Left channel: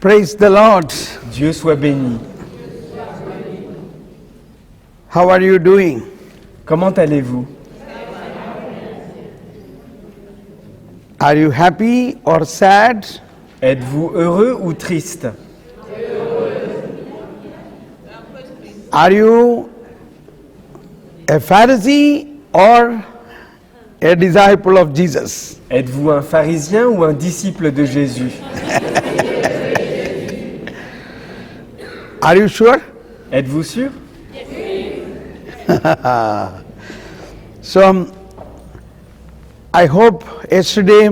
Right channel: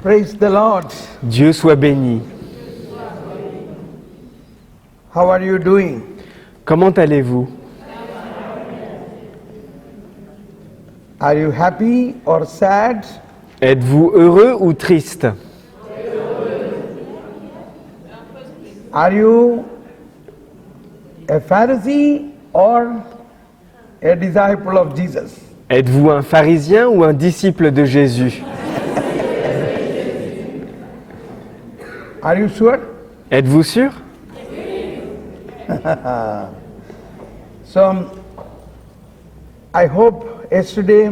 Praise the Lord. Dieu soit béni. How are you doing? Comment allez-vous? Are you happy or sad? Êtes-vous heureux ou triste? Are you a Pharisee or a disciple of Jesus? Êtes-vous un pharisien ou un disciple de Jésus? Are you sure? Êtes-vous sûr? So, I hope yesterday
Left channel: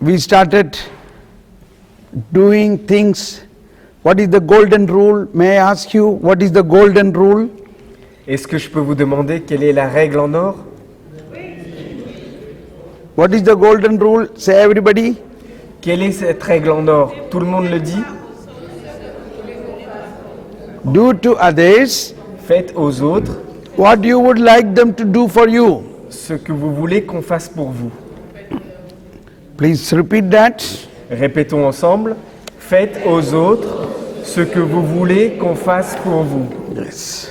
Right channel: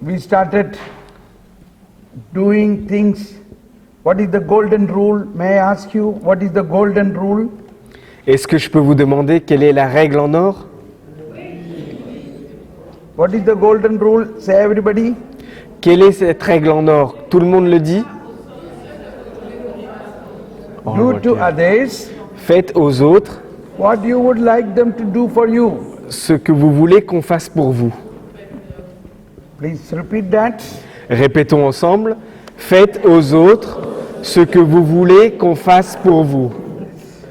we started doing things. What is the golden rule? May I ask you, what is the golden rule? Est-ce que je peux vous demander quelle est la règle en or? What is the golden rule? Say everybody. Quelle est cette règle en or? Tout le monde le dit? Do to others Faites aux autres what you would like them to do for you. ce que vous voulez qu'on fasse pour vous. Please repeat that. Répétons ensemble. Faites aux autres ce que vous voulez qu'on fasse pour vous. Yes.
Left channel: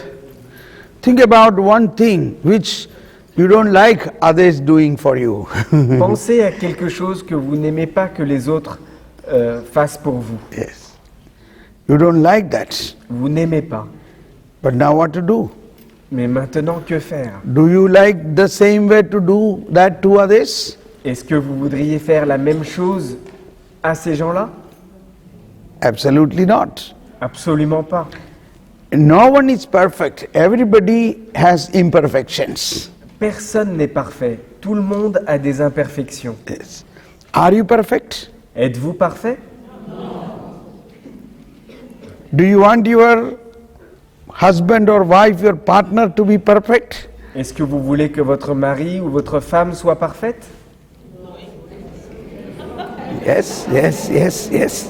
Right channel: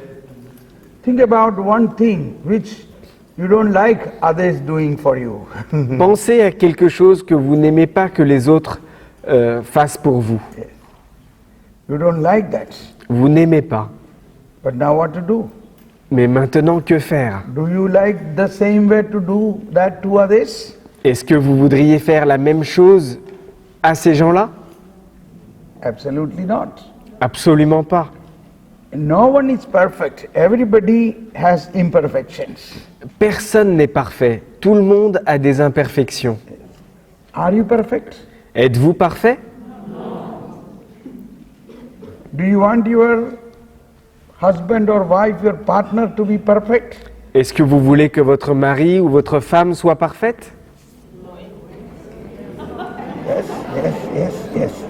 Think about one thing which you don't like others doing for you. Pensez à quelque chose que vous n'aimez pas que les autres fassent pour vous. Yes. You don't like that. Vous n'aimez pas. But now what to do? Mais maintenant, que faire? Do you like the same way to do that to others? Est-ce que vous voudriez faire la même chose à ces gens-là? Absolutely not. Absolument pas. No one is perfect. Everybody has imperfections. Personne n'est parfait. Tout le monde a des imperfections. Yes. Are you perfect? Êtes-vous parfait? Do you want your husband or wife, your partner to be perfect? Est-ce que vous voulez que votre mari ou votre femme soit parfaite? Yes, yes, yes, yes.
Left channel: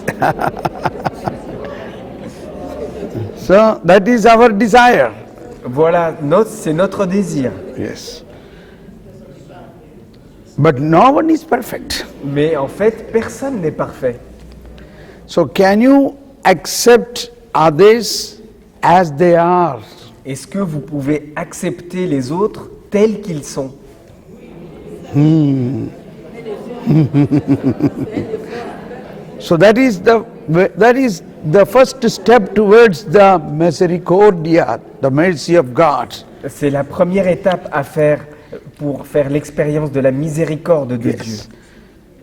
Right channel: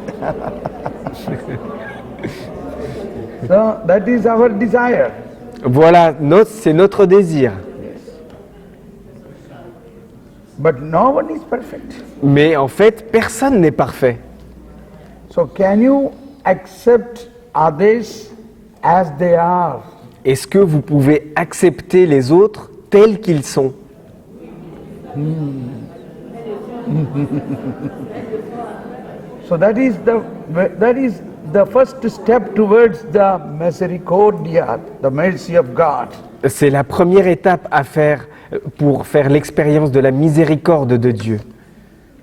So that is our desire. Voilà, c'est notre désir. Yes. But no one is perfect. Mais en fait, personne n'est parfait. So can you accept others as they are? Est-ce que vous pouvez accepter les autres tels qu'ils sont? So that is the first step towards the misericordia, the mercy of God. C'est la première étape à faire pour faire l'expérience de la miséricorde de Dieu.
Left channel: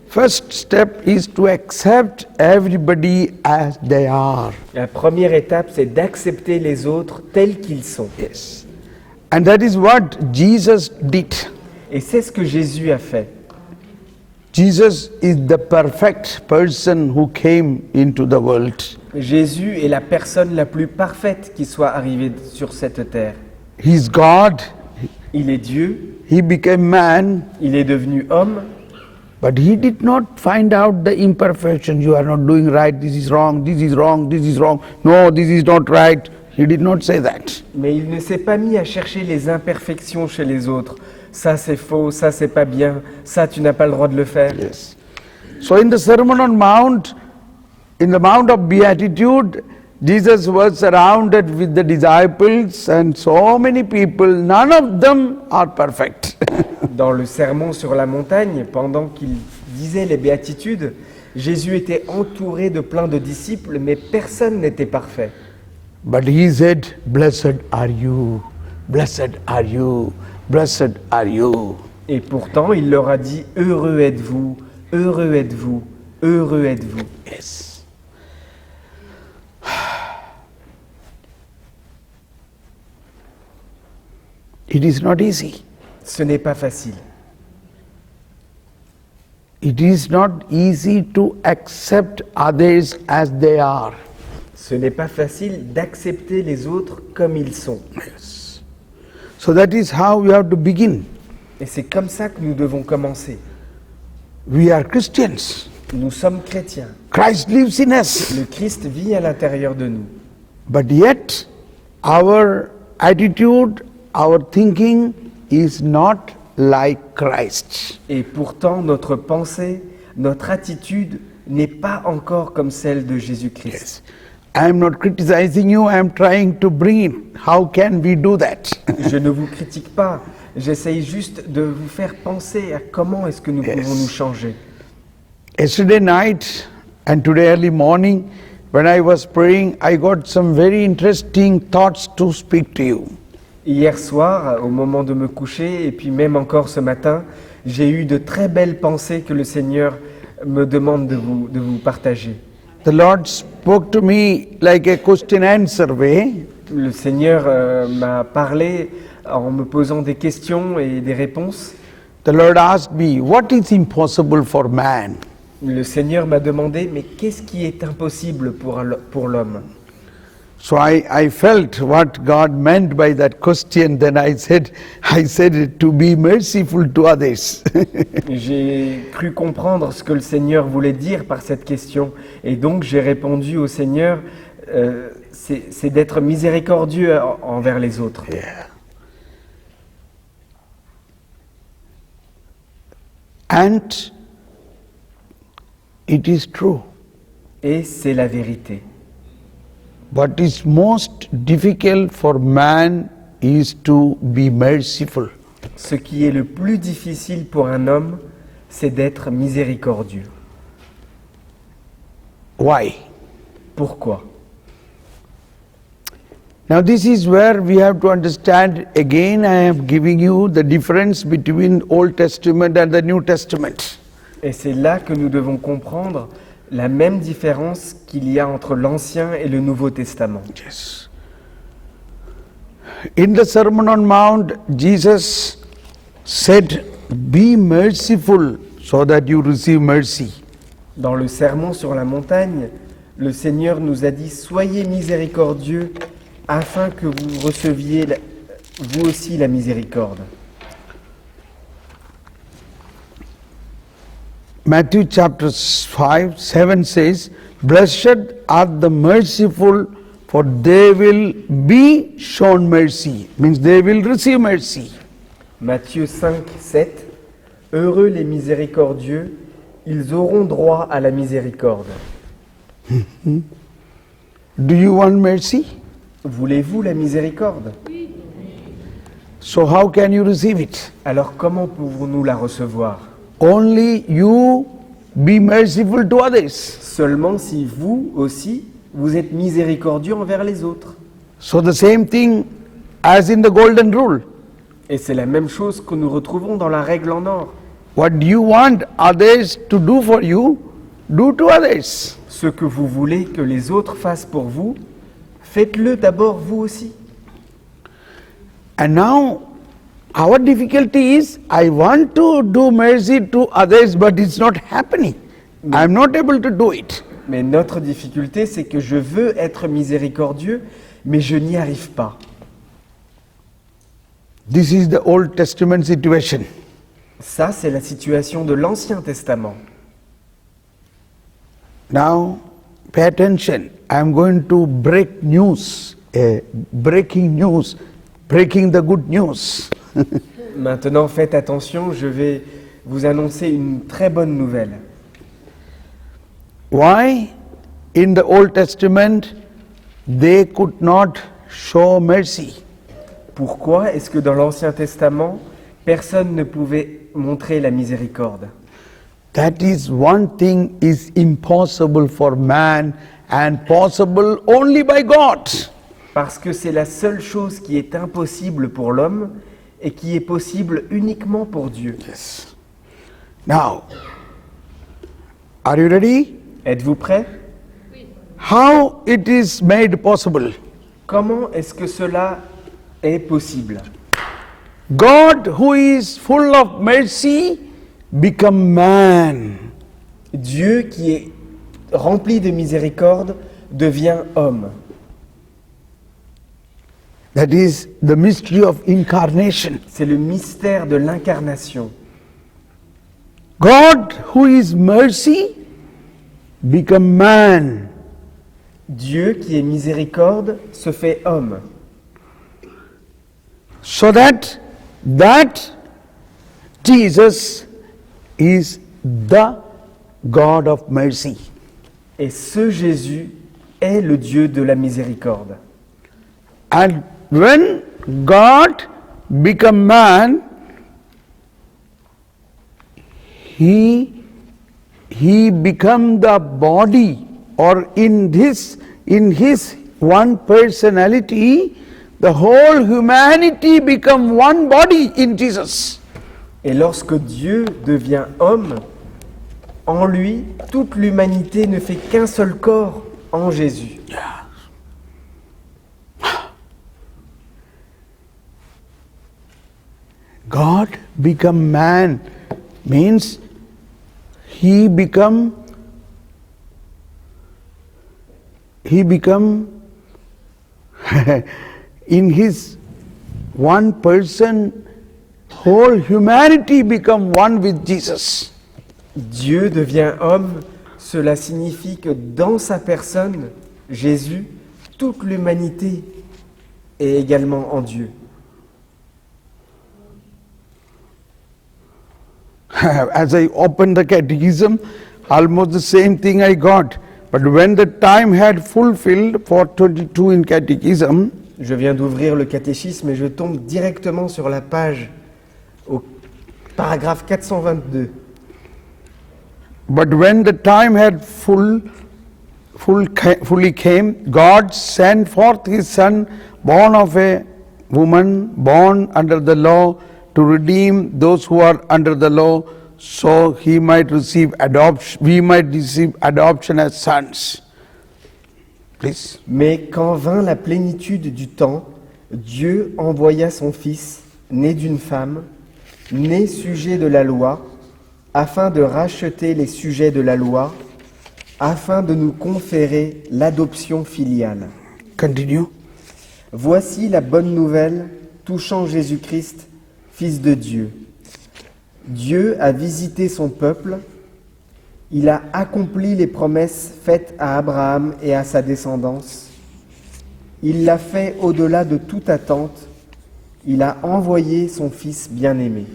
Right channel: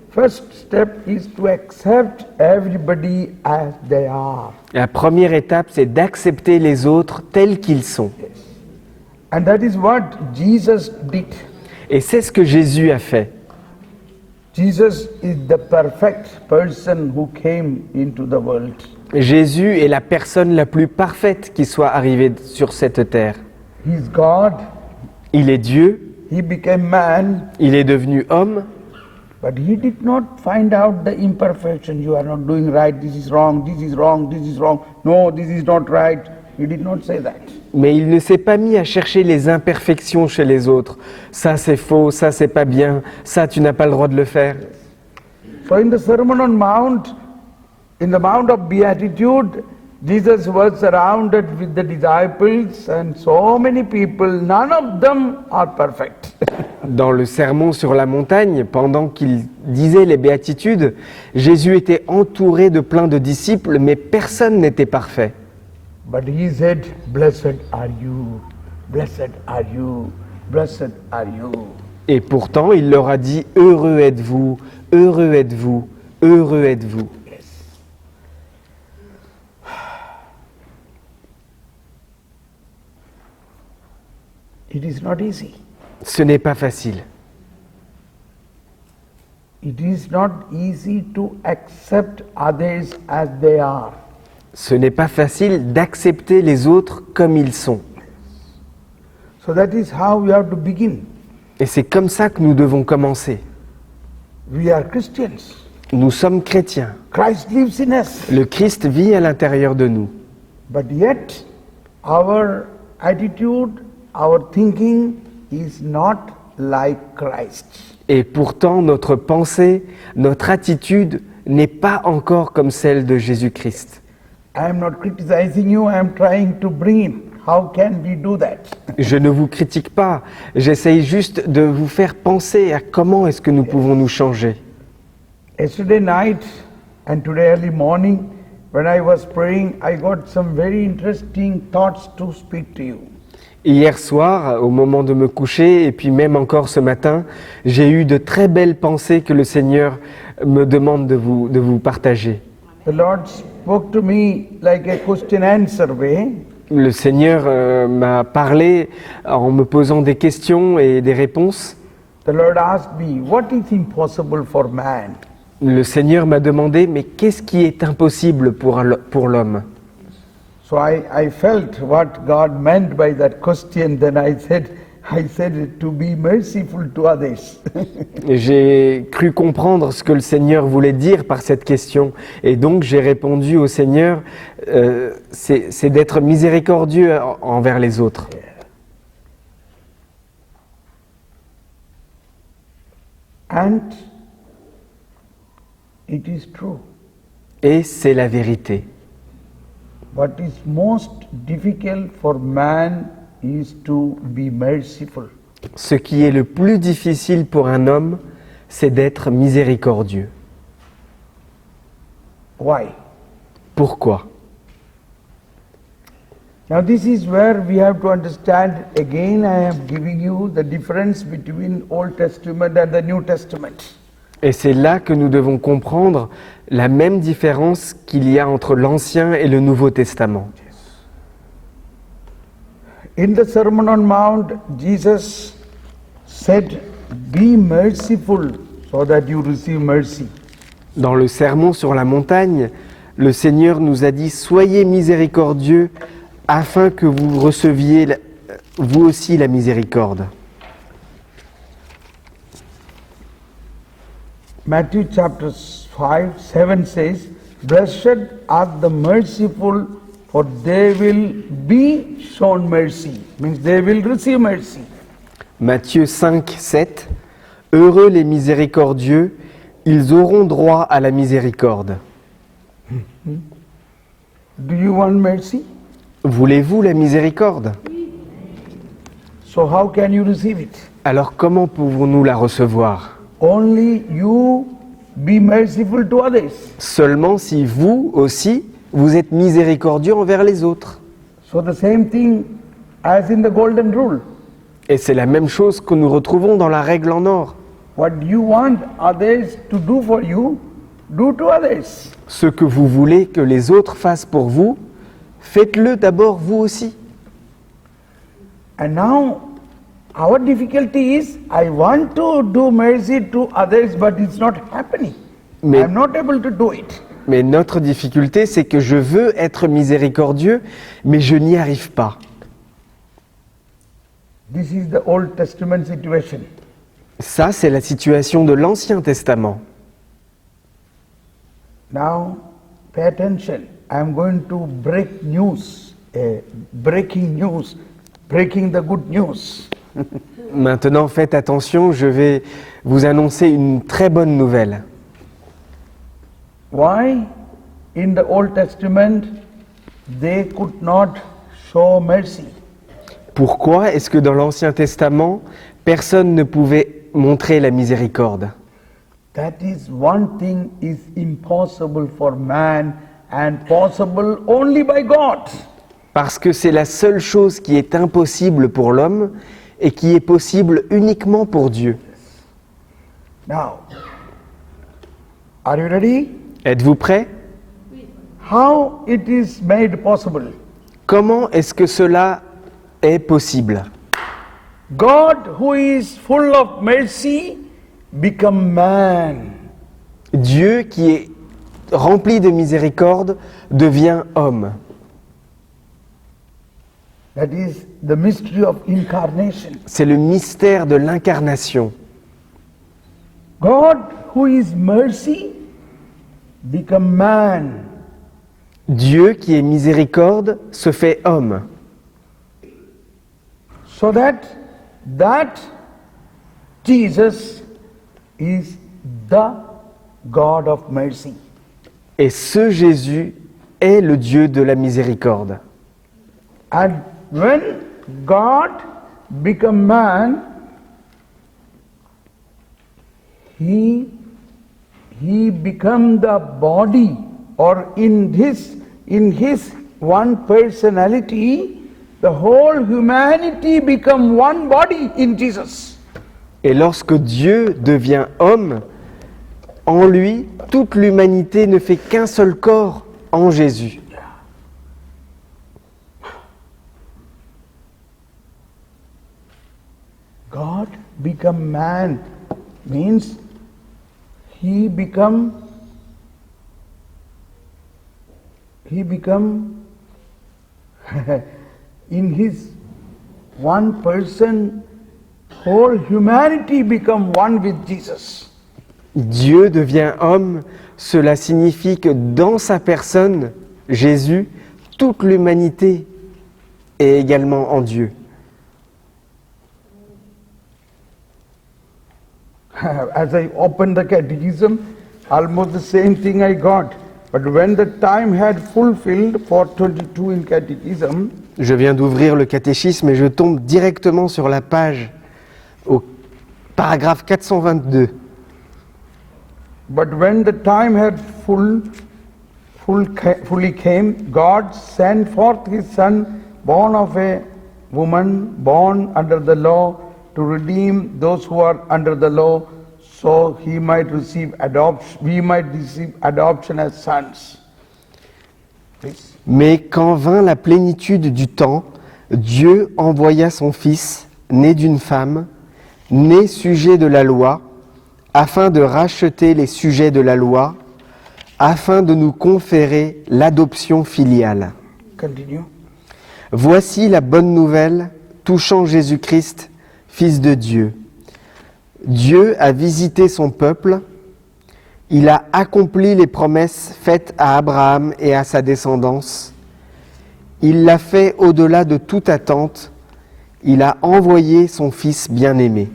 First step is to accept everybody as they are. La première étape, c'est d'accepter les autres tels qu'ils sont. Yes. And that is what Jesus did. Et c'est ce que Jésus a fait. Jesus is the perfect person who came into the world. Jésus est la personne la plus parfaite qui soit arrivée sur cette terre. He's God. Il est Dieu, He became man, il est devenu homme, but he did not find out the imperfection. You are not doing right. This is wrong. This is wrong. This is wrong. No, this is not right. He did not say that. mais il ne s'est pas mis à chercher les imperfections chez les autres. Ça c'est faux, ça c'est pas bien, ça tu n'as pas le droit de le faire. Yes. So in the Sermon on Mount, in the Mount of Beatitude, Jesus was surrounded with the disciples and so many people, none of them are perfect. Dans le sermon sur la montagne, pendant qu'il disait les béatitudes, Jésus était entouré de plein de disciples, mais personne n'était parfait. But he said, blessed are you, blessed are you, blessed are you. Et pourtant, il leur a dit, heureux êtes-vous, heureux êtes-vous, heureux êtes-vous. Yes. It is not easy. Ce n'est pas facile. It is not easy to accept others as they are. Ce n'est pas facile d'accepter les autres comme ils sont. Yes. So that is how we have to begin. Et c'est comme ça que nous devons commencer. We are Christians. Nous sommes chrétiens. Christ lives in us. Le Christ vit à l'intérieur de nous. But yet, our attitude, our thinking is not like Christ. Et pourtant, notre pensée, notre attitude n'est pas encore comme celle de Jésus-Christ. I am not criticizing you, I am trying to bring it. How can we do that? Je ne vous critique pas, j'essaye juste de vous faire penser à comment est-ce que nous pouvons nous changer. Yesterday night and today early morning, when I was praying, I got some very interesting thoughts to speak to you. Hier soir, au moment de me coucher, et puis même encore ce matin, j'ai eu de très belles pensées que le Seigneur me demande de vous partager. The Lord spoke to me like a question-answer way. Le Seigneur m'a parlé en me posant des questions et des réponses. The Lord asked me, what is impossible for man? Le Seigneur m'a demandé, mais qu'est-ce qui est impossible pour l'homme? So I felt what God meant by that question. Then I said to be merciful to others. Et j'ai cru comprendre ce que le Seigneur voulait dire par cette question. Et donc j'ai répondu au Seigneur, c'est d'être miséricordieux envers les autres. Yeah. And it is true. Et c'est la vérité. What is most difficult for man is to be merciful. Ce qui est le plus difficile pour un homme, c'est d'être miséricordieux. Why? Pourquoi? Now this is where we have to understand, again I am giving you the difference between Old Testament and the New Testament. Et c'est là que nous devons comprendre la même différence qu'il y a entre l'Ancien et le Nouveau Testament. Yes. In the Sermon on Mount, Jesus said, be merciful so that you receive mercy. Dans le Sermon sur la montagne, le Seigneur nous a dit « Soyez miséricordieux afin que vous receviez vous aussi la miséricorde. » Matthew chapter 5:7 says, blessed are the merciful, for they will be shown mercy. Means they will receive mercy. Matthieu 5, 7 « Heureux les miséricordieux, ils auront droit à la miséricorde. » Do you want mercy? Voulez-vous la miséricorde? So how can you receive it? Alors comment pouvons-nous la recevoir? Only you be merciful to others. Seulement si vous aussi, vous êtes miséricordieux envers les autres. So the same thing as in the golden rule. Et c'est la même chose que nous retrouvons dans la règle en or. What you want others to do for you, do to others. Ce que vous voulez que les autres fassent pour vous, faites-le d'abord vous aussi. And now our difficulty is, I want to do mercy to others, but it's not happening. Mais- I'm not able to do it. Mais notre difficulté, c'est que je veux être miséricordieux, mais je n'y arrive pas. This is the Old Testament situation. Ça, c'est la situation de l'Ancien Testament. Now, pay attention. I'm going to break news, breaking the good news. Maintenant, faites attention, je vais vous annoncer une très bonne nouvelle. Why in the Old Testament they could not show mercy? Pourquoi est-ce que dans l'Ancien Testament, personne ne pouvait montrer la miséricorde? That is one thing is impossible for man and possible only by God. Parce que c'est la seule chose qui est impossible pour l'homme et qui est possible uniquement pour Dieu. Now, are you ready? Êtes-vous prêts? How it is made possible? Comment est-ce que cela est possible? God, who is full of mercy, become man. Dieu, qui est rempli de miséricorde, devient homme. That is the mystery of incarnation. C'est le mystère de l'incarnation. God, who is mercy, become man. Dieu, qui est miséricorde, se fait homme. So that Jesus is the God of mercy. Et ce Jésus est le Dieu de la miséricorde. And when God became man, he became the body, or in his one personality, the whole humanity become one body in Jesus. Et lorsque Dieu devient homme, en lui, toute l'humanité ne fait qu'un seul corps en Jésus. God become man means he become in his one person, whole humanity become one with Jesus. Dieu devient homme, cela signifie que dans sa personne, Jésus, toute l'humanité est également en Dieu. As I opened the catechism, almost the same thing I got. But when the time had fulfilled, 422 in catechism, Je viens d'ouvrir le catéchisme et je tombe directement sur la page au paragraphe 422. but when the time had fully came, God sent forth his son, born of a woman, born under the law, to redeem those who are under the law, so he might receive adoption, we might receive adoption as sons. Please. Mais quand vint la plénitude du temps, Dieu envoya son Fils, né d'une femme, né sujet de la loi, afin de racheter les sujets de la loi, afin de nous conférer l'adoption filiale. Continue. Voici la bonne nouvelle touchant Jésus-Christ, Fils de Dieu. Dieu a visité son peuple, il a accompli les promesses faites à Abraham et à sa descendance. Il l'a fait au-delà de toute attente, il a envoyé son Fils bien-aimé.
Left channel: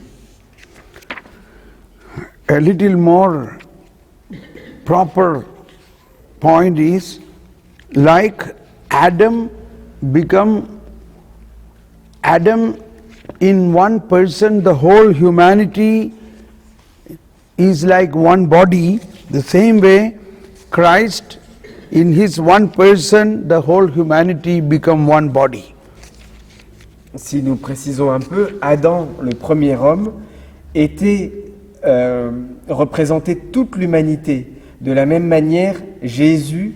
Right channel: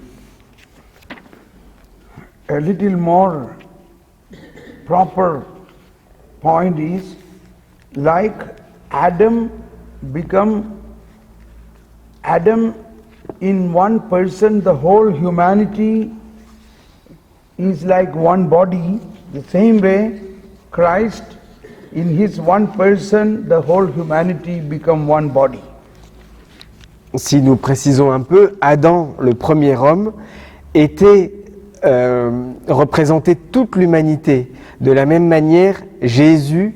A little more proper point is, like Adam in one person, the whole humanity is like one body. The same way, Christ in his one person, the whole humanity become one body. Si nous précisons un peu, Adam, le premier homme, représentait toute l'humanité. De la même manière, Jésus,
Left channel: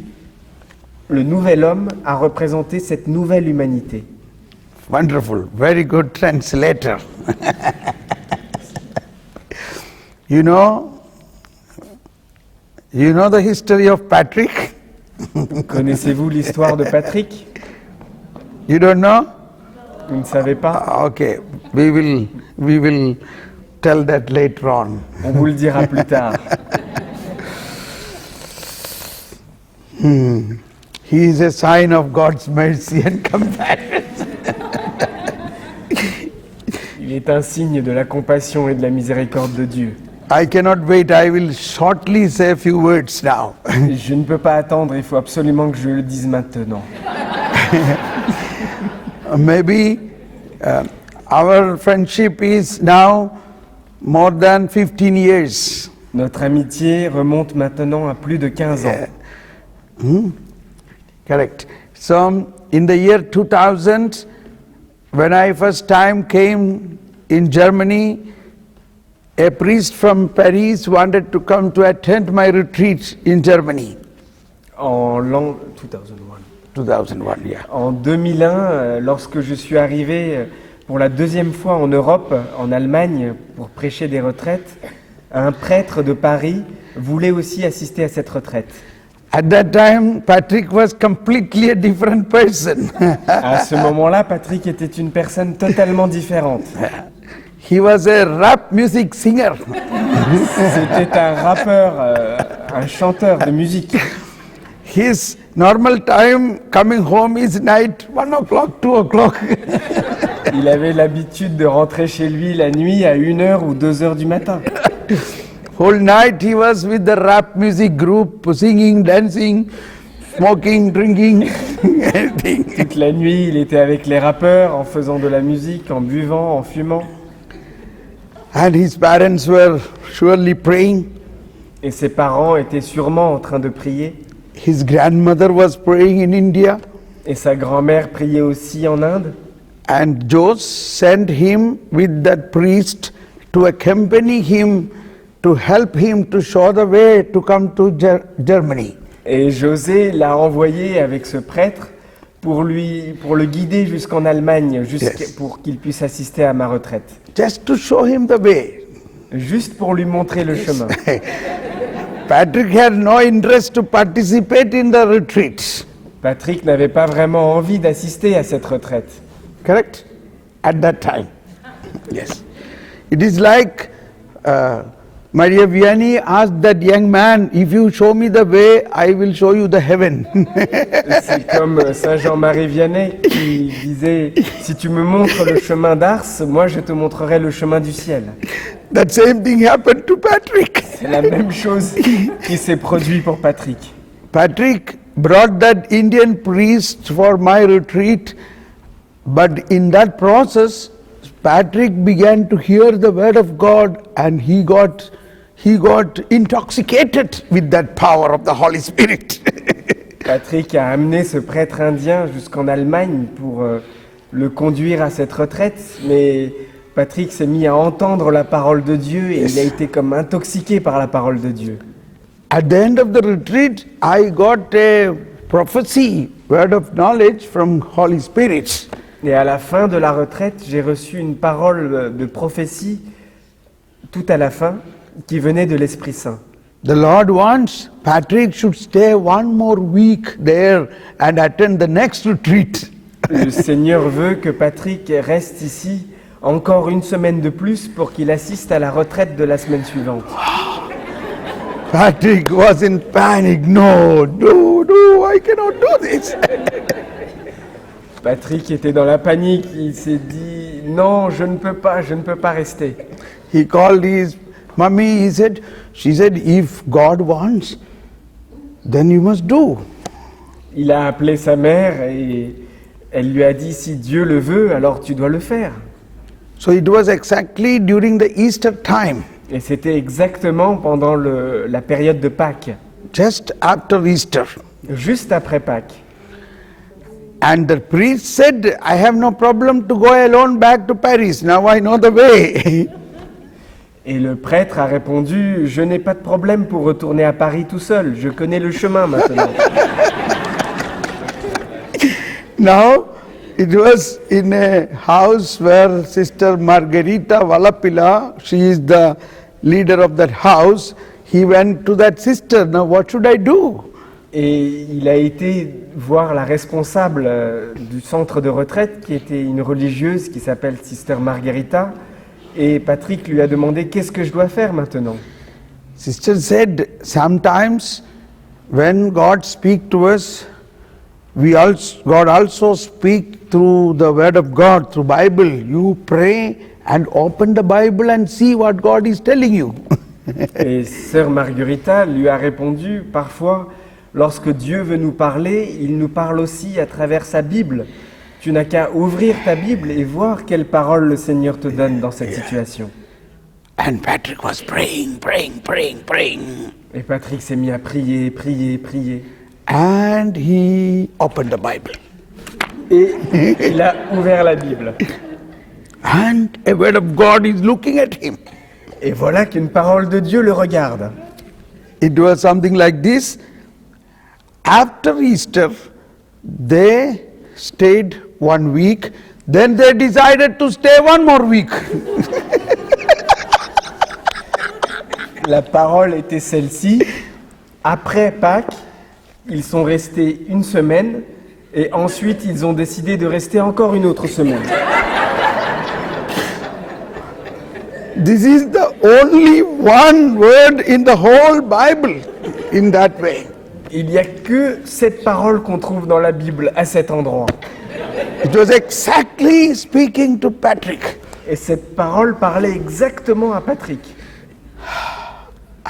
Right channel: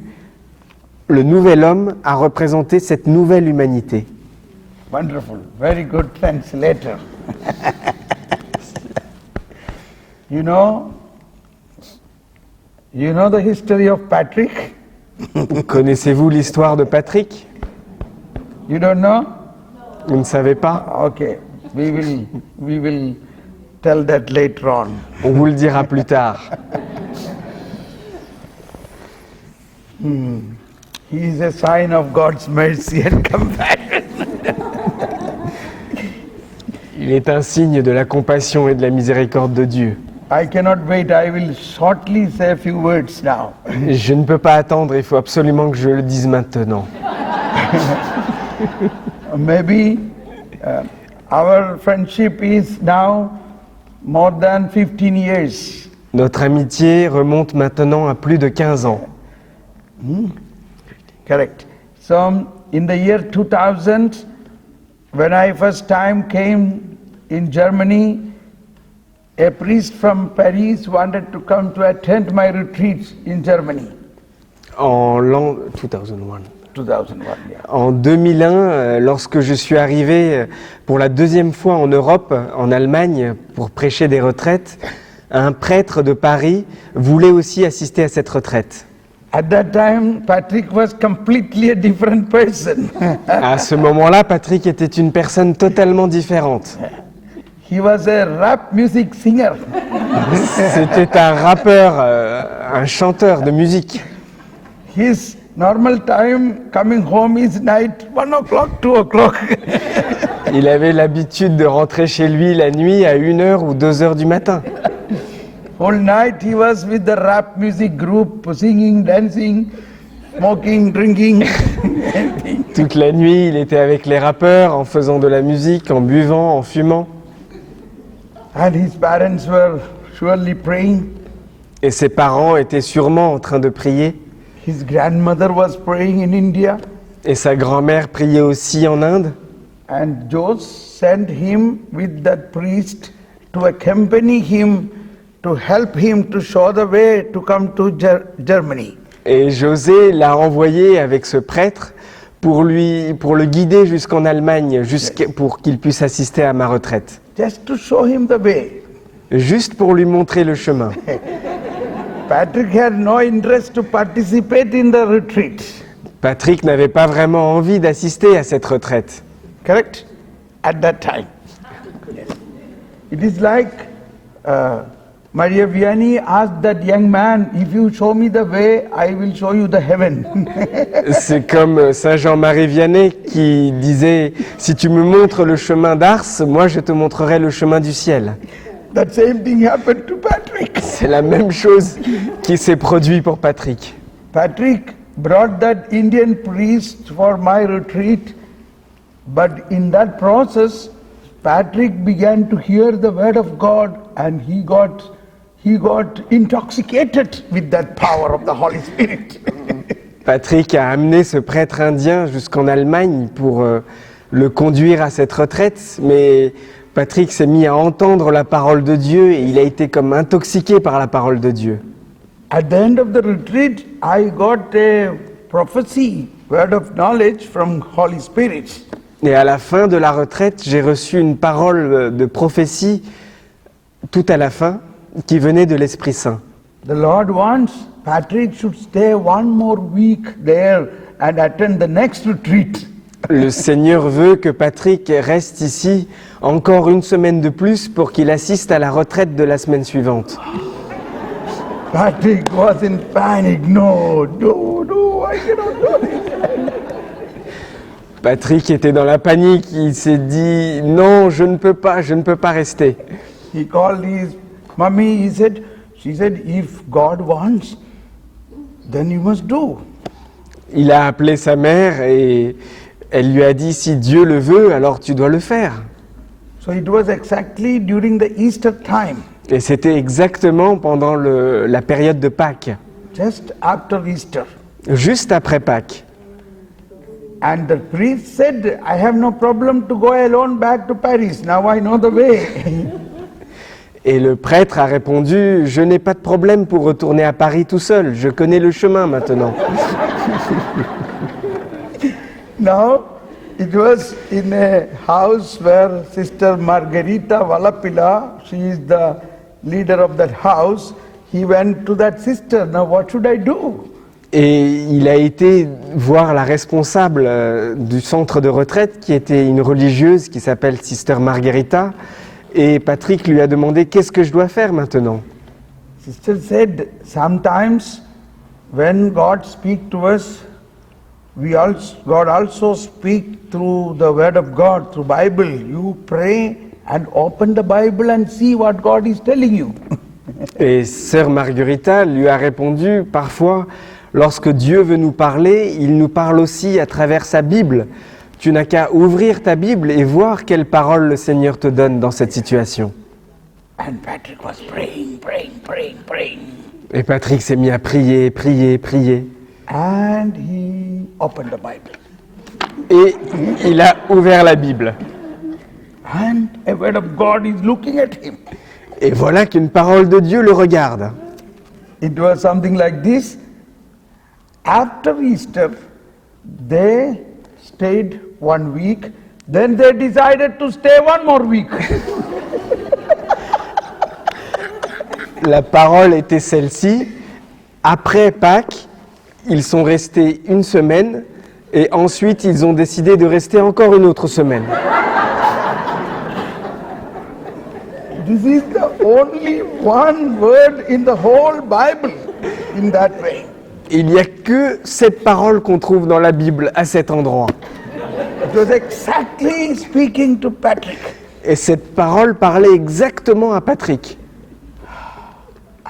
le nouvel homme, a représenté cette nouvelle humanité. Wonderful, very good translator. You know the history of Patrick? Connaissez-vous l'histoire de Patrick? You don't know? Vous ne savez pas? Okay, we will tell that later on. On vous le dira plus tard. He is a sign of God's mercy and compassion. Il est un signe de la compassion et de la miséricorde de Dieu. I cannot wait, I will shortly say a few words now. Je ne peux pas attendre, il faut absolument que je le dise maintenant. Maybe our friendship is now more than 15 years. Notre amitié remonte maintenant à plus de 15 ans. Correct. So in the year 2000, when I first time came in Germany, a priest from Paris wanted to come to attend my retreat in Germany. En l'an 2001. 2001, yeah. En 2001, lorsque je suis arrivé pour la deuxième fois en Europe, en Allemagne, pour prêcher des retraites, un prêtre de Paris voulait aussi assister à cette retraite. At that time, Patrick was completely a different person. À ce moment-là, Patrick était une personne totalement différente. He was a rap music singer. C'était un rappeur, un chanteur de musique. His normal time coming home is night 1 o'clock, 2 o'clock. Il avait l'habitude de rentrer chez lui la nuit à 1h ou 2h du matin. Whole night he was with the rap music group, singing, dancing, smoking, drinking, everything. Toute la nuit, il était avec les rappeurs, en faisant de la musique, en buvant, en fumant. And his parents were surely praying. Et ses parents étaient sûrement en train de prier. His grandmother was praying in India. Et sa grand-mère priait aussi en Inde. And Joseph sent him with that priest to accompany him, to help him to show the way to come to Germany. Et José l'a envoyé avec ce prêtre pour le guider jusqu'en Allemagne, pour qu'il puisse assister à ma retraite. Just to show him the way. Juste pour lui montrer le chemin. Patrick had no interest to participate in the retreat. Patrick n'avait pas vraiment envie d'assister à cette retraite. Correct? At that time. Yes. It is like Maria Vianney asked that young man, if you show me the way, I will show you the heaven. C'est comme Saint Jean-Marie Vianney qui disait « Si tu me montres le chemin d'Ars, moi je te montrerai le chemin du ciel. » That same thing happened to Patrick. C'est la même chose qui s'est produit pour Patrick. Patrick brought that Indian priest for my retreat, but in that process, Patrick began to hear the word of God, and he got intoxicated with that power of the Holy Spirit. Patrick a amené ce prêtre indien jusqu'en Allemagne pour le conduire à cette retraite, mais Patrick s'est mis à entendre la parole de Dieu et il a été comme intoxiqué par la parole de Dieu. At the end of the retreat, I got a prophecy, word of knowledge from Holy Spirit. Et à la fin de la retraite, j'ai reçu une parole de prophétie, tout à la fin, qui venait de l'Esprit Saint. The Lord wants Patrick should stay one more week there and attend the next retreat. Le Seigneur veut que Patrick reste ici encore une semaine de plus pour qu'il assiste à la retraite de la semaine suivante. Patrick was in panic. No, I cannot do this. Patrick était dans la panique, il s'est dit « Non, je ne peux pas rester ». He called his mommy, she said, if God wants, then you must do. Il a appelé sa mère et elle lui a dit « Si Dieu le veut, alors tu dois le faire ». So it was exactly during the Easter time. Et c'était exactement pendant la période de Pâques, Just after Easter. juste après Pâques. And the priest said, I have no problem to go alone back to Paris. Now I know the way. Et le prêtre a répondu « Je n'ai pas de problème pour retourner à Paris tout seul, je connais le chemin maintenant. » Now, it was in a house where Sister Margarita Valapilla, she is the leader of that house. He went to that sister. Now, what should I do? Et il a été voir la responsable du centre de retraite, qui était une religieuse qui s'appelle Sister Margarita. Et Patrick lui a demandé « Qu'est-ce que je dois faire maintenant ?» Sister said, sometimes when God speaks to us, God also speaks through the word of God, through Bible. You pray and open the Bible and see what God is telling you. Et Sœur Margarita lui a répondu « Parfois, lorsque Dieu veut nous parler, il nous parle aussi à travers sa Bible. Tu n'as qu'à ouvrir ta Bible et voir quelles paroles le Seigneur te donne dans cette situation. » And Patrick was praying. Et Patrick s'est mis à prier. And he opened the Bible. Et il a ouvert la Bible. And a word of God is looking at him. Et voilà qu'une parole de Dieu le regarde. It was something like this. After Easter, they stayed 1 week. Then they decided to stay 1 more week. La parole était celle-ci. Après Pâques, ils sont restés 1 semaine et ensuite ils ont décidé de rester encore une autre semaine. This is the only one word in the whole Bible in that way. Il n'y a que cette parole qu'on trouve dans la Bible à cet endroit. It was exactly speaking to Patrick. Et cette parole parlait exactement à Patrick.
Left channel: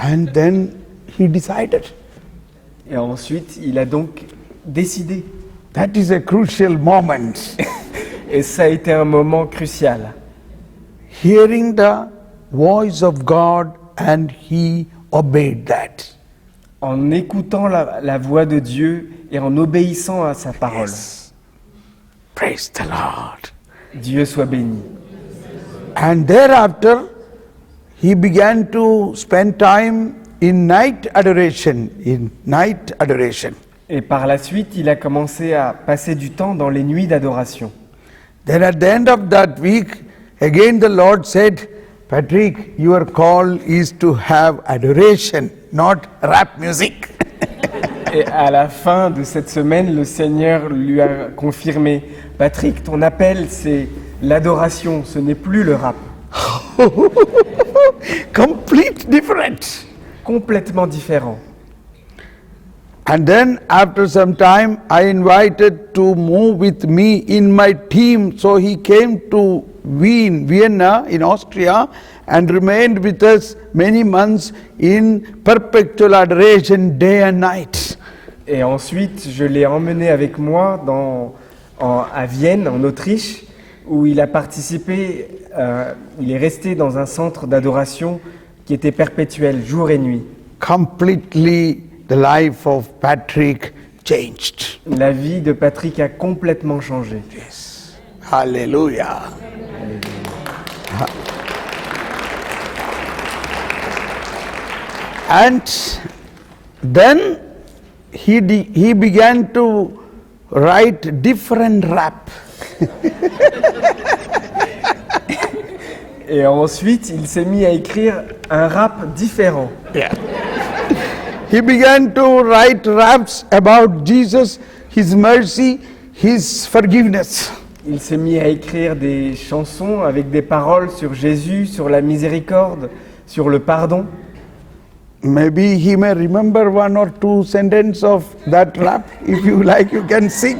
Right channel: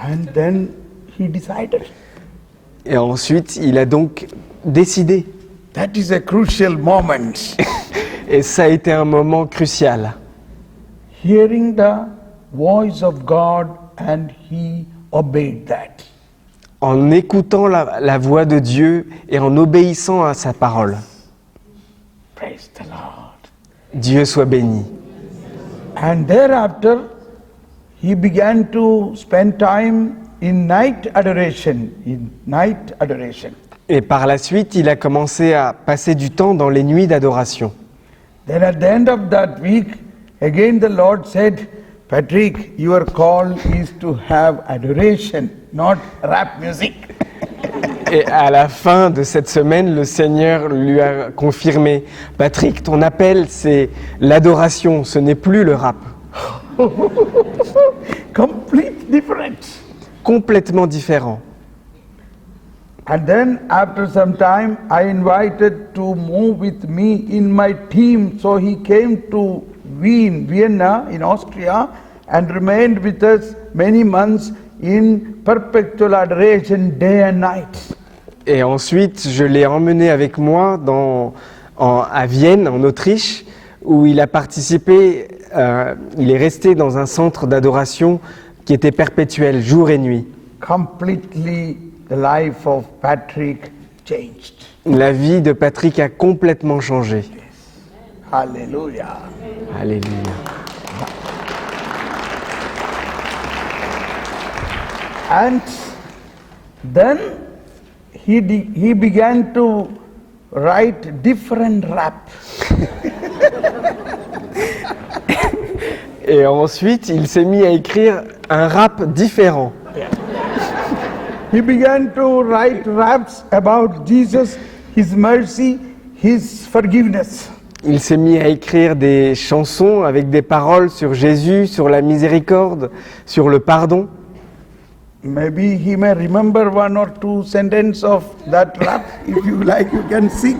And then he decided. Et ensuite, il a donc décidé. That is a crucial moment. Et ça a été un moment crucial. Hearing the voice of God and he obeyed that. En écoutant la voix de Dieu et en obéissant à sa parole. Praise the Lord. Dieu soit béni. And thereafter, he began to spend time in night adoration, Et par la suite, il a commencé à passer du temps dans les nuits d'adoration. Then at the end of that week, again the Lord said, Patrick, your call is to have adoration, not rap music. Et à la fin de cette semaine, le Seigneur lui a confirmé, Patrick, ton appel, c'est l'adoration, ce n'est plus le rap. Complete different. Complètement différent. And then after some time, I invited to move with me in my team. So he came to Vienna in Austria and remained with us many months in perpetual adoration day and night. Et ensuite, je l'ai emmené avec moi à Vienne, en Autriche, où il a participé, il est resté dans un centre d'adoration qui était perpétuel, jour et nuit. Completely the life of Patrick changed. La vie de Patrick a complètement changé. Hallelujah. Alléluia. And then he began to write different rap. Et ensuite, il s'est mis à écrire un rap différent. He began to write raps about Jesus, His mercy, His forgiveness. Il s'est mis à écrire des chansons avec des paroles sur Jésus, sur la miséricorde, sur le pardon. Maybe he may remember one or two sentences of that rap. If you like, you can sing.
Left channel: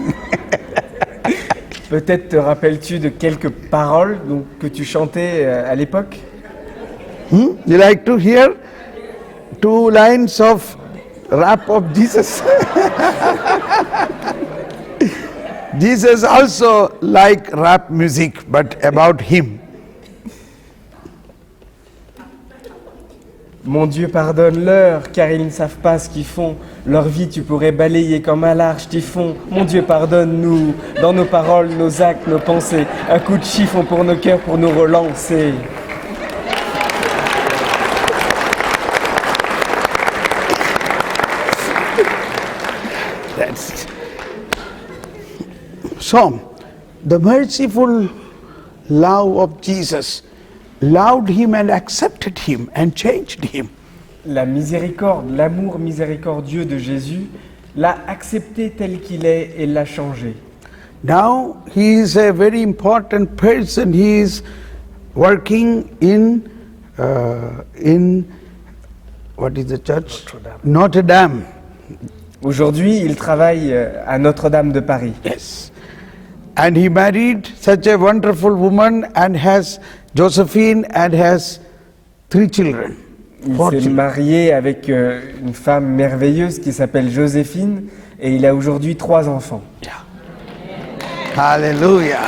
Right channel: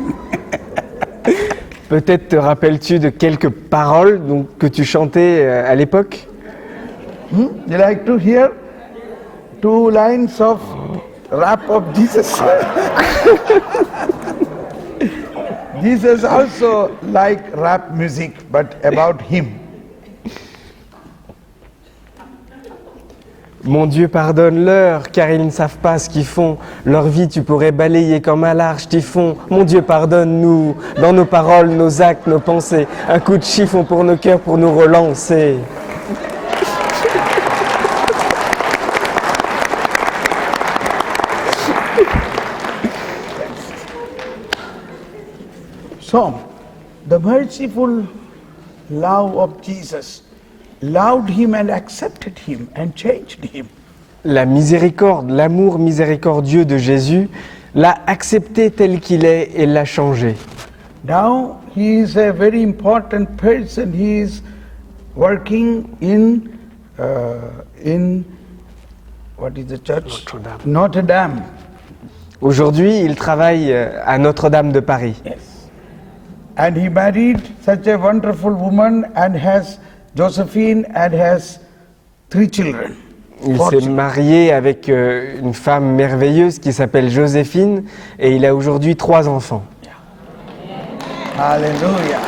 Peut-être te rappelles-tu de quelques paroles que tu chantais à l'époque? You like to hear 2 lines of rap of Jesus? Jesus also liked rap music, but about him. Mon Dieu, pardonne-leur, car ils ne savent pas ce qu'ils font. Leur vie, tu pourrais balayer comme un large typhon. Mon Dieu, pardonne-nous, dans nos paroles, nos actes, nos pensées. Un coup de chiffon pour nos cœurs, pour nous relancer. So, the merciful love of Jesus loved him and accepted him and changed him. La miséricorde, l'amour miséricordieux de Jésus l'a accepté tel qu'il est et l'a changé. Now he is a very important person. He is working in what is the church? Notre Dame. Aujourd'hui, il travaille à Notre-Dame de Paris. Yes. And he married such a wonderful woman and has Josephine and has 3 children. Il s'est marié avec une femme merveilleuse qui s'appelle Joséphine et il a aujourd'hui 3 enfants. Hallelujah.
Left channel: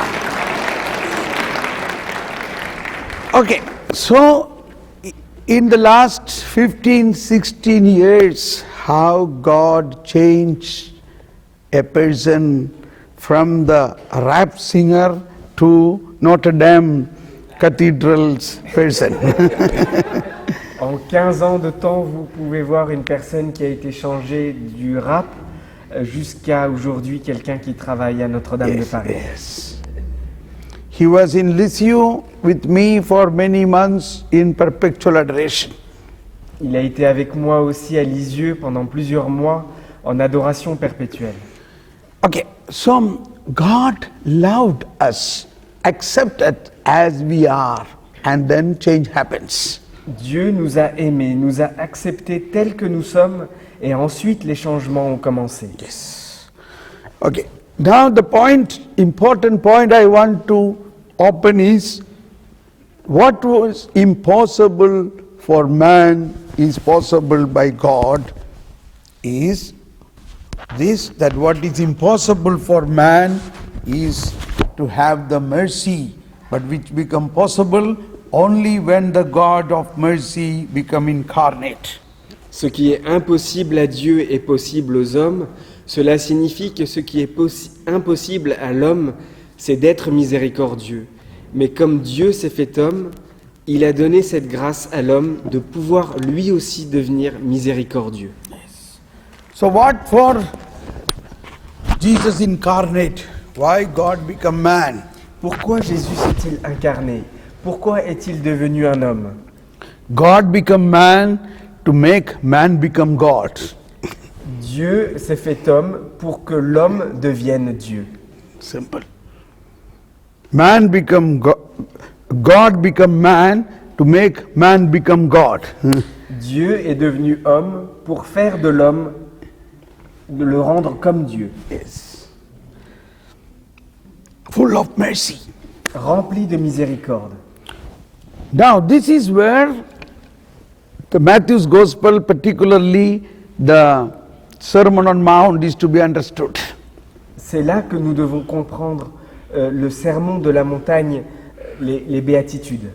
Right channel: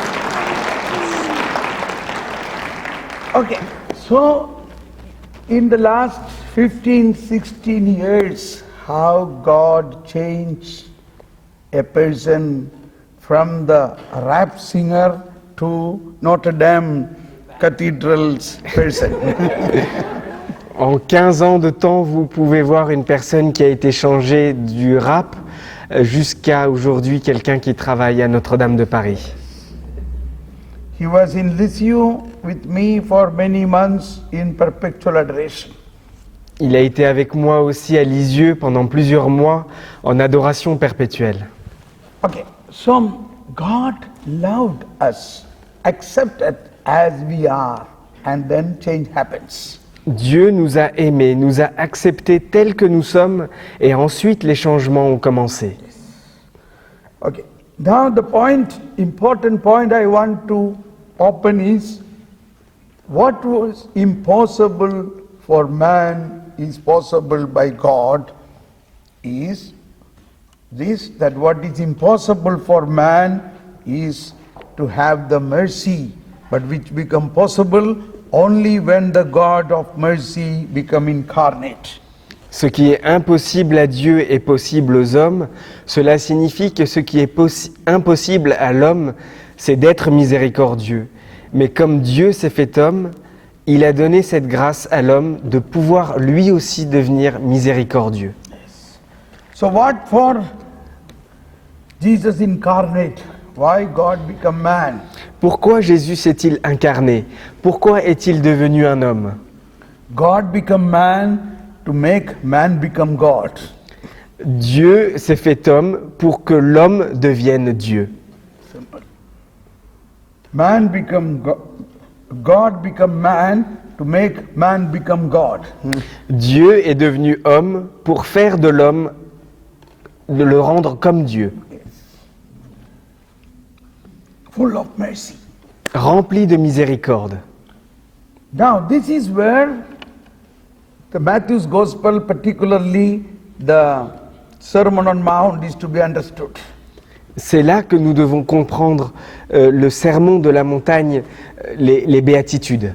Okay, so in the last 15, 16 years, how God changed a person from the rap singer to Notre Dame Cathedral's person. En 15 ans de temps, vous pouvez voir une personne qui a été changée du rap jusqu'à aujourd'hui quelqu'un qui travaille à Notre-Dame de Paris. He was in Lisieux with me for many months in perpetual adoration. Il a été avec moi aussi à Lisieux pendant plusieurs mois en adoration perpétuelle. Okay, so God loved us, accepted as we are, and then change happens. Dieu nous a aimés, nous a acceptés tels que nous sommes, et ensuite les changements ont commencé. Okay, now the important point I want to open is what was impossible for man is possible by God is this, that what is impossible for man is to have the mercy, but which become possible only when the God of mercy become incarnate. Ce qui est impossible à Dieu est possible aux hommes. Cela signifie que ce qui est impossible à l'homme, c'est d'être miséricordieux. Mais comme Dieu s'est fait homme, il a donné cette grâce à l'homme de pouvoir lui aussi devenir miséricordieux. So what for Jesus incarnate? Why God become man? Pourquoi Jésus s'est-il incarné? Pourquoi est-il devenu un homme? God become man to make man become God. Dieu s'est fait homme pour que l'homme devienne Dieu. Simple. Man become God become man to make man become God. Dieu est devenu homme pour faire de l'homme, de le rendre comme Dieu. Yes. Full of mercy. Rempli de miséricorde. Now this is where the Matthew's Gospel, particularly the Sermon on Mount, is to be understood. C'est là que nous devons comprendre le sermon de la montagne, les béatitudes.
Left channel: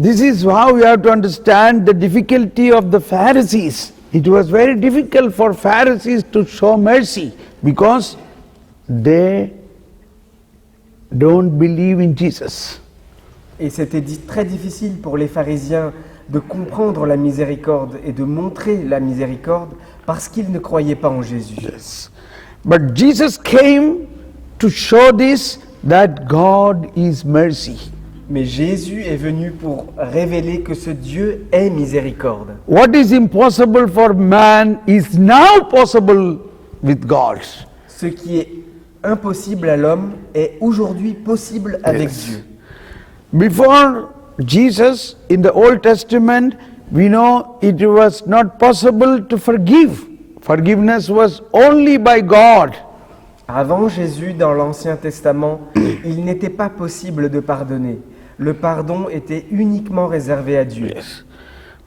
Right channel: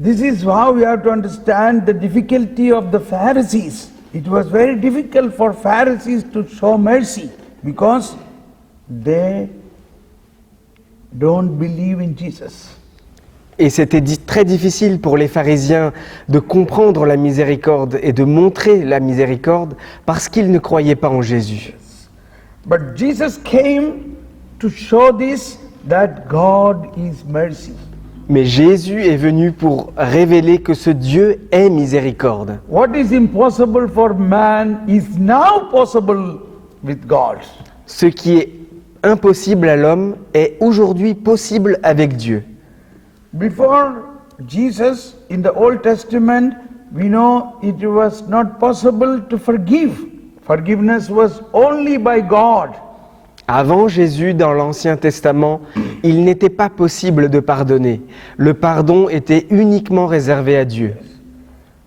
This is how we have to understand the difficulty of the Pharisees. It was very difficult for Pharisees to show mercy because they don't believe in Jesus. Et c'était très difficile pour les pharisiens de comprendre la miséricorde et de montrer la miséricorde parce qu'ils ne croyaient pas en Jésus. But Jesus came to show this, that God is mercy. Mais Jésus est venu pour révéler que ce Dieu est miséricorde. What is impossible for man is now possible with God. Ce qui est impossible à l'homme est aujourd'hui possible avec Dieu. Before Jesus, in the Old Testament, we know it was not possible to forgive. Forgiveness was only by God. Avant Jésus, dans l'Ancien Testament, il n'était pas possible de pardonner. Le pardon était uniquement réservé à Dieu.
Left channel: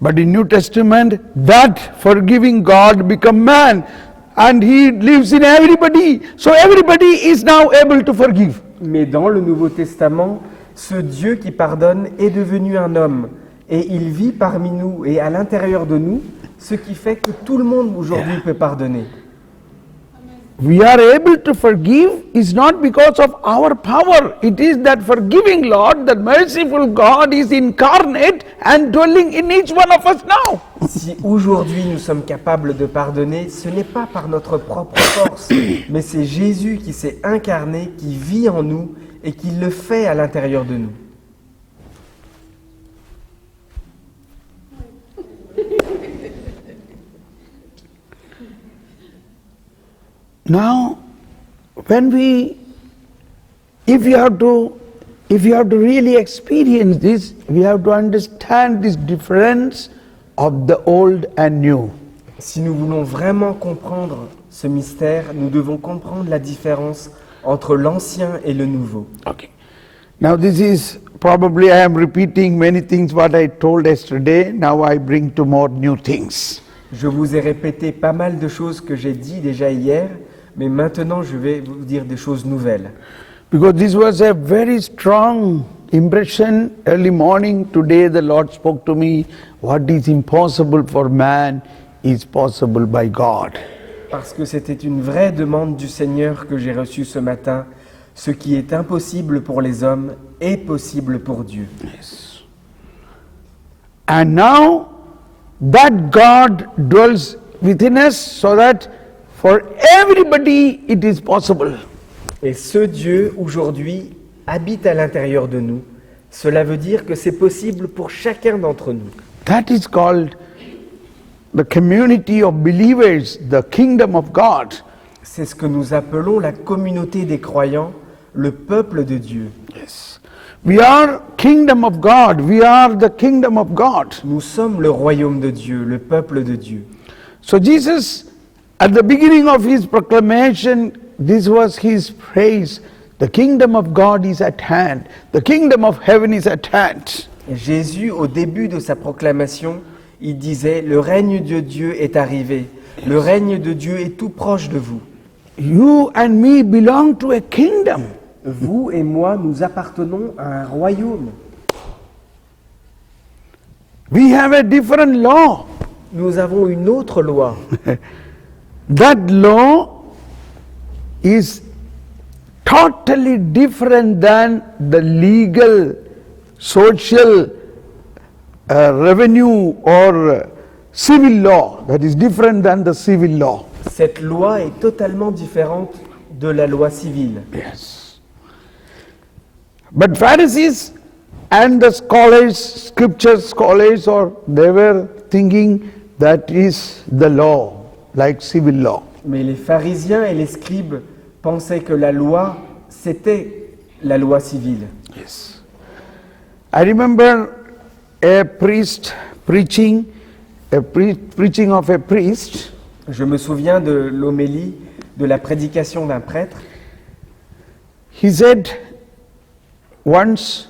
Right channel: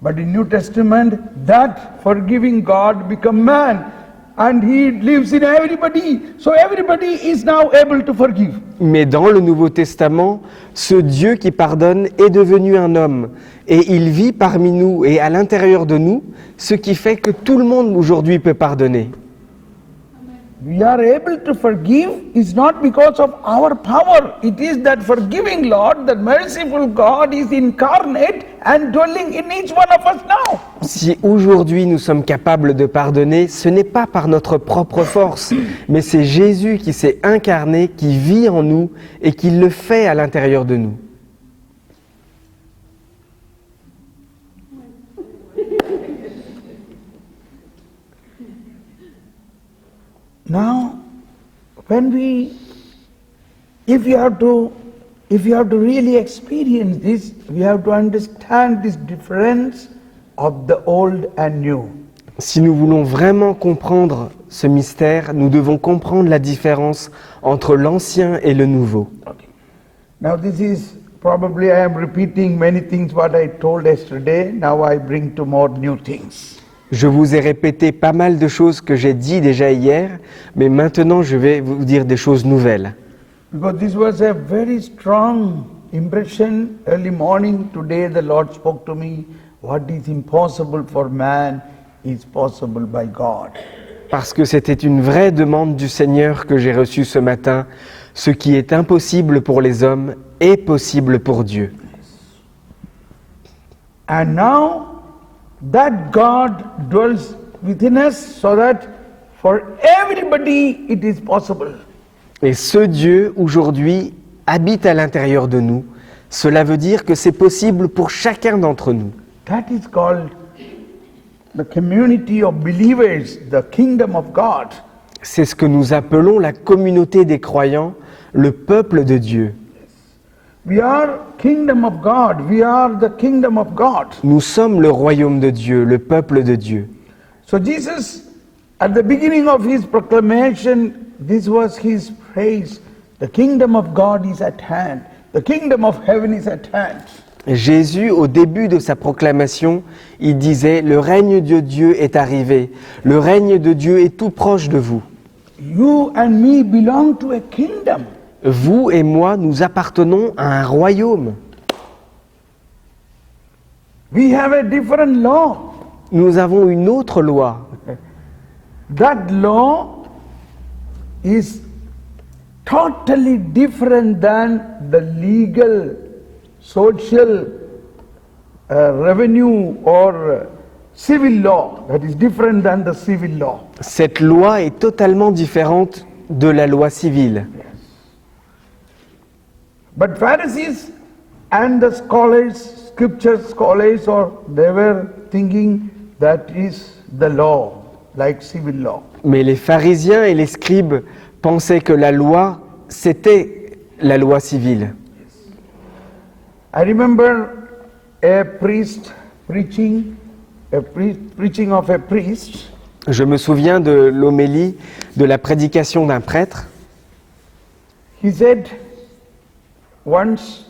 But in New Testament, that forgiving God become man, and he lives in everybody. So everybody is now able to forgive. Mais dans le Nouveau Testament, ce Dieu qui pardonne est devenu un homme. Et il vit parmi nous et à l'intérieur de nous, ce qui fait que tout le monde aujourd'hui peut pardonner. We are able to forgive is not because of our power. It is that forgiving Lord, that merciful God is incarnate and dwelling in each one of us now. Si aujourd'hui nous sommes capables de pardonner, ce n'est pas par notre propre force, mais c'est Jésus qui s'est incarné, qui vit en nous et qui le fait à l'intérieur de nous. Now, if you have to really experience this, we have to understand this difference of the old and new. Si nous voulons vraiment comprendre ce mystère, nous devons comprendre la différence entre l'ancien et le nouveau. Okay. Now this is probably I am repeating many things what I told yesterday. Now I bring to more new things. Je vous ai répété pas mal de choses que j'ai dit déjà hier, mais maintenant je vais vous dire des choses nouvelles. Because this was a very strong impression early morning. Today the Lord spoke to me, what is impossible for man is possible by God. Parce que c'était une vraie demande du Seigneur que j'ai reçue ce matin. Ce qui est impossible pour les hommes est possible pour Dieu. Yes. And now that God dwells within us so that for everybody it is possible. Et ce Dieu, aujourd'hui, habite à l'intérieur de nous. Cela veut dire que c'est possible pour chacun d'entre nous. That is called the community of believers, the kingdom of God. C'est ce que nous appelons la communauté des croyants, le peuple de Dieu. Yes. We are kingdom of God. We are the kingdom of God. Nous sommes le royaume de Dieu, le peuple de Dieu. So Jesus, at the beginning of his proclamation, this was his phrase, the kingdom of God is at hand. The kingdom of heaven is at hand. Jésus, au début de sa proclamation, il disait « Le règne de Dieu est arrivé, le règne de Dieu est tout proche de vous. You and me belong to a kingdom. Vous et moi, nous appartenons à un royaume. We have a different law. Nous avons une autre loi. That law is totally different than the legal, social, revenue or civil law. That is different than the civil law. Cette loi est totalement différente de la loi civile. Yes. But Pharisees and the scholars, scripture scholars, they were thinking that is the law, like civil law. Mais les pharisiens et les scribes pensaient que la loi, c'était la loi civile. Yes. I remember a priest preaching, preaching of a priest. Je me souviens de l'homélie, de la prédication d'un prêtre. He said, once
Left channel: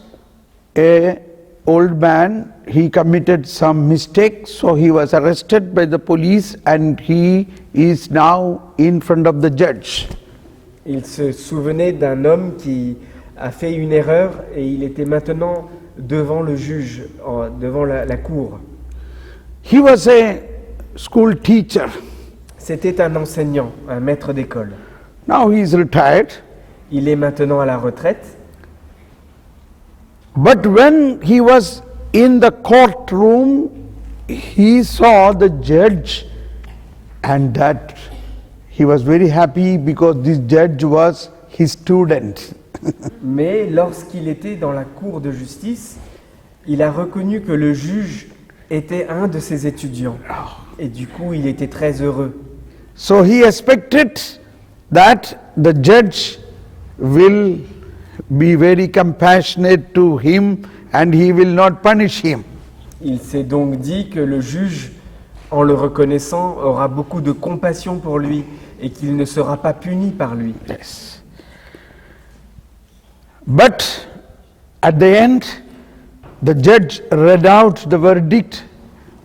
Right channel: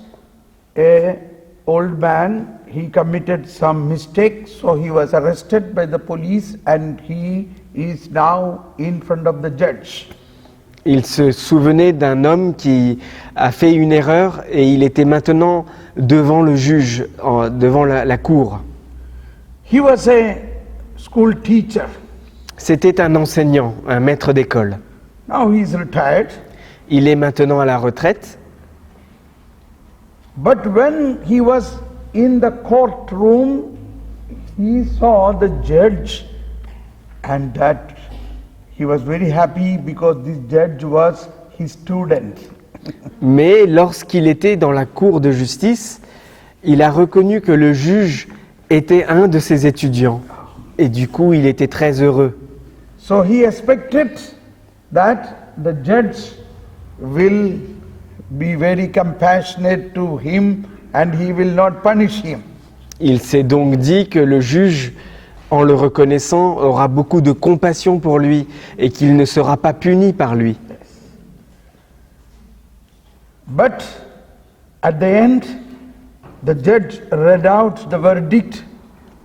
a old man, he committed some mistake, so he was arrested by the police and he is now in front of the judge. Il se souvenait d'un homme qui a fait une erreur et il était maintenant devant le juge, devant la cour. He was a school teacher. C'était un enseignant, un maître d'école. Now he is retired. Il est maintenant à la retraite. But when he was in the courtroom, he saw the judge and that he was very happy because this judge was his student. Mais lorsqu'il était dans la cour de justice, il a reconnu que le juge était un de ses étudiants. Et du coup, il était très heureux. So he expected that the judge will be very compassionate to him and he will not punish him. Il s'est donc dit que le juge, en le reconnaissant, aura beaucoup de compassion pour lui et qu'il ne sera pas puni par lui. Yes. But at the end, the judge read out the verdict.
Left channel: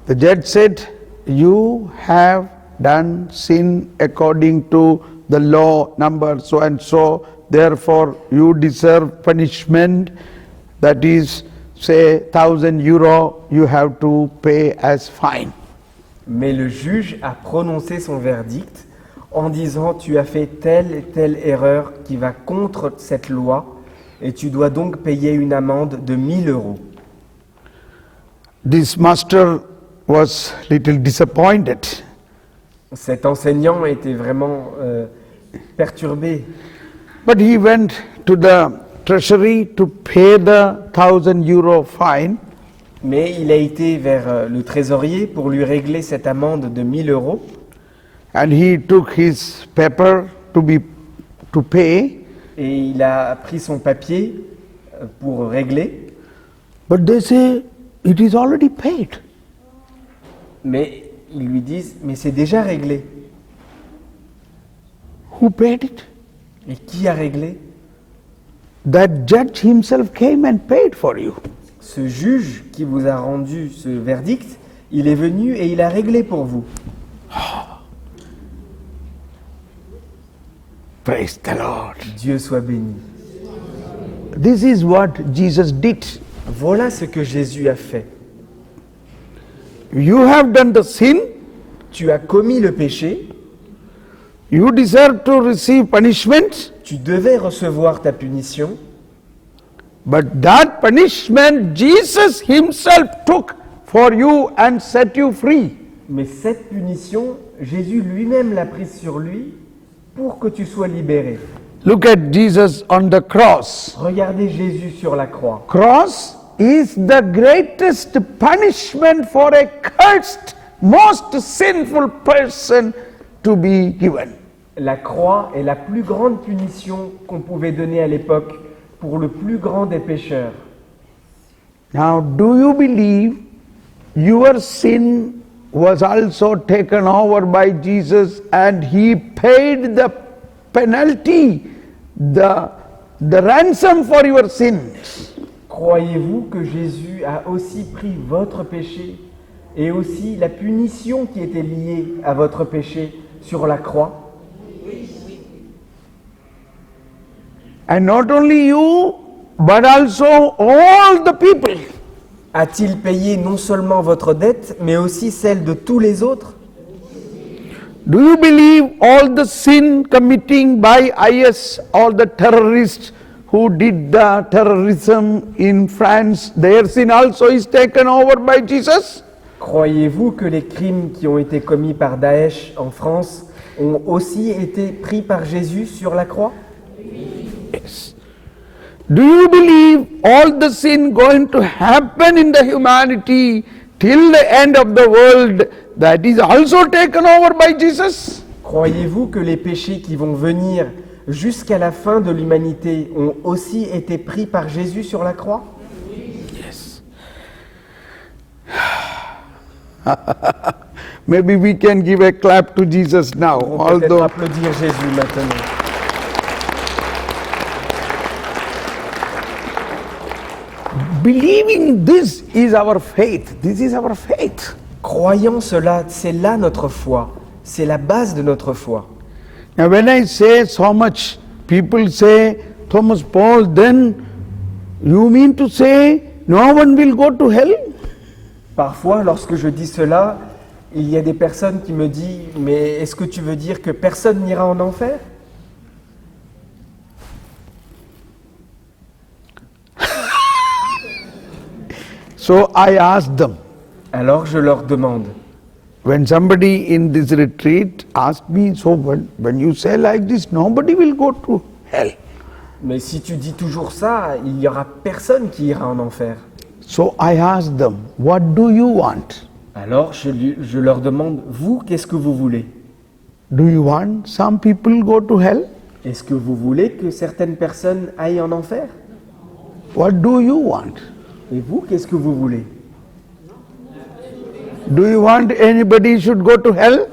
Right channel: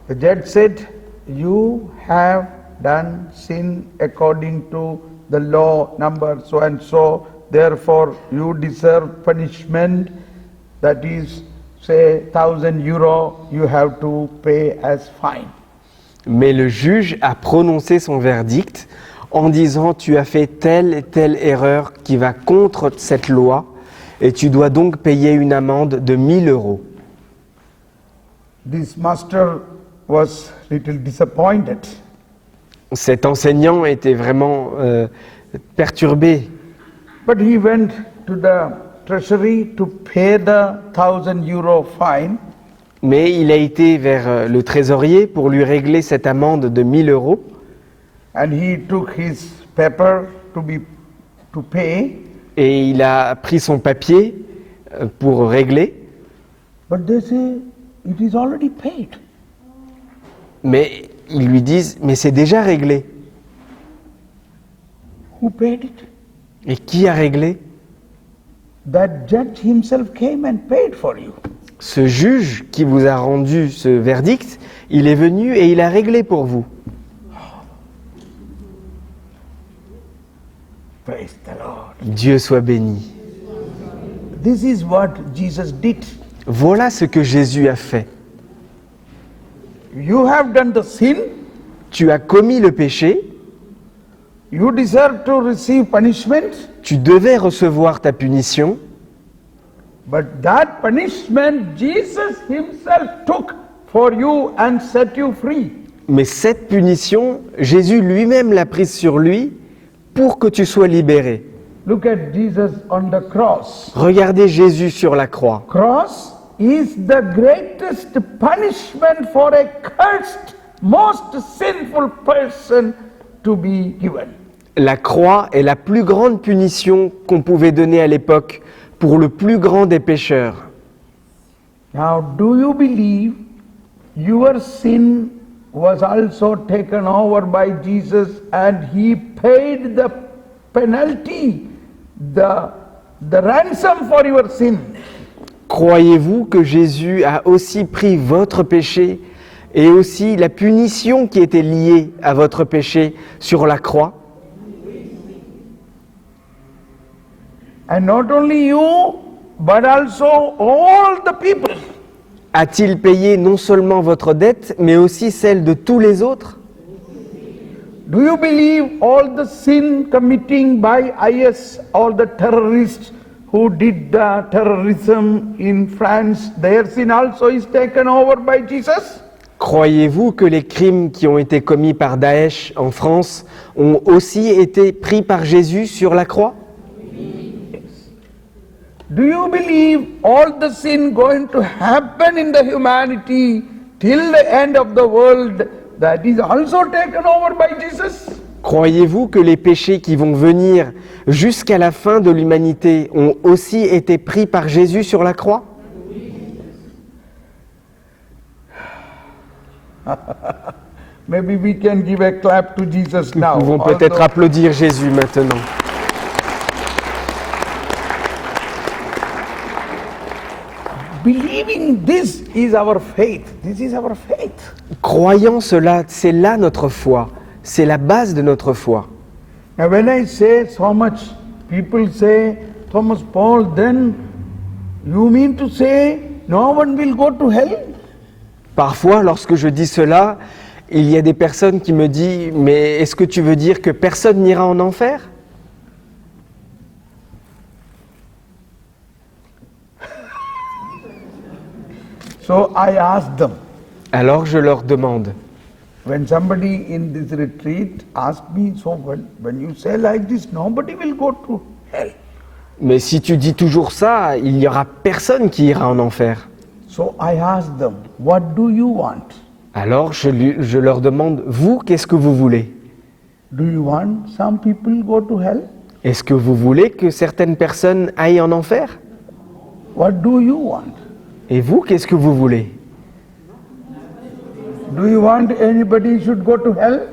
The judge said, "You have done sin according to the law number so and so, therefore you deserve punishment, that is, say, €1,000 you have to pay as fine." Mais le juge a prononcé son verdict en disant « Tu as fait telle et telle erreur qui va contre cette loi et tu dois donc payer une amende de 1 000 €. This master was little disappointed. Cet enseignant était vraiment perturbé. But he went to the treasury to pay the €1,000 fine. Mais il a été vers le trésorier pour lui régler cette amende de 1 000 €. And he took his paper to pay. Et il a pris son papier pour régler. But they say it is already paid. Mais ils lui disent « Mais c'est déjà réglé. Who paid it? » Et qui a réglé? That judge himself came and paid for you. Ce juge qui vous a rendu ce verdict, il est venu et il a réglé pour vous. Praise the Lord. Dieu soit béni. This is what Jesus did. Voilà ce que Jésus a fait. You have done the sin. Tu as commis le péché, You deserve to receive punishment. tu devais recevoir ta punition, But that punishment Jesus himself took for you and set you free. mais cette punition, Jésus lui-même l'a prise sur lui pour que tu sois libéré. Look at Jesus on the cross. Regardez Jésus sur la croix. Cross is the greatest punishment for a cursed, most sinful person to be given. La croix est la plus grande punition qu'on pouvait donner à l'époque pour le plus grand des pécheurs. Now, do you believe your sin was also taken over by Jesus and he paid the penalty, the ransom for your sins? Croyez-vous que Jésus a aussi pris votre péché et aussi la punition qui était liée à votre péché sur la croix? And not only you, but also all the people. A-t-il payé non seulement votre dette, mais aussi celle de tous les autres? Do you believe all the sin committing by IS, all the terrorists who did the terrorism in France, their sin also is taken over by Jesus? Croyez-vous que les crimes qui ont été commis par Daesh en France ont aussi été pris par Jésus sur la croix? Do you believe all the sin going to happen in the humanity till the end of the world, that is also taken over by Jesus? Croyez-vous que les péchés qui vont venir jusqu'à la fin de l'humanité ont aussi été pris par Jésus sur la croix? Yes. Maybe we can give a clap to Jesus now. Nous pouvons peut-être although- applaudir Jésus maintenant. Believing this is our faith. This is our faith. Croyant cela, c'est là notre foi. C'est la base de notre foi. Now when I say so much, people say, Thomas Paul, then you mean to say no one will go to hell? Parfois, lorsque je dis cela, il y a des personnes qui me disent « Mais est-ce que tu veux dire que personne n'ira en enfer ?» So I asked them, Alors je leur demande, when somebody in this retreat asked me, so when you say like this, nobody will go to hell. mais si tu dis toujours ça, il n'y aura personne qui ira en enfer. So I asked them, what do you want? Alors je leur demande, vous, qu'est-ce que vous voulez? Do you want some people go to hell? Est-ce que vous voulez que certaines personnes aillent en enfer? What do you want? Et vous, qu'est-ce que vous voulez? Do you want anybody should go to hell?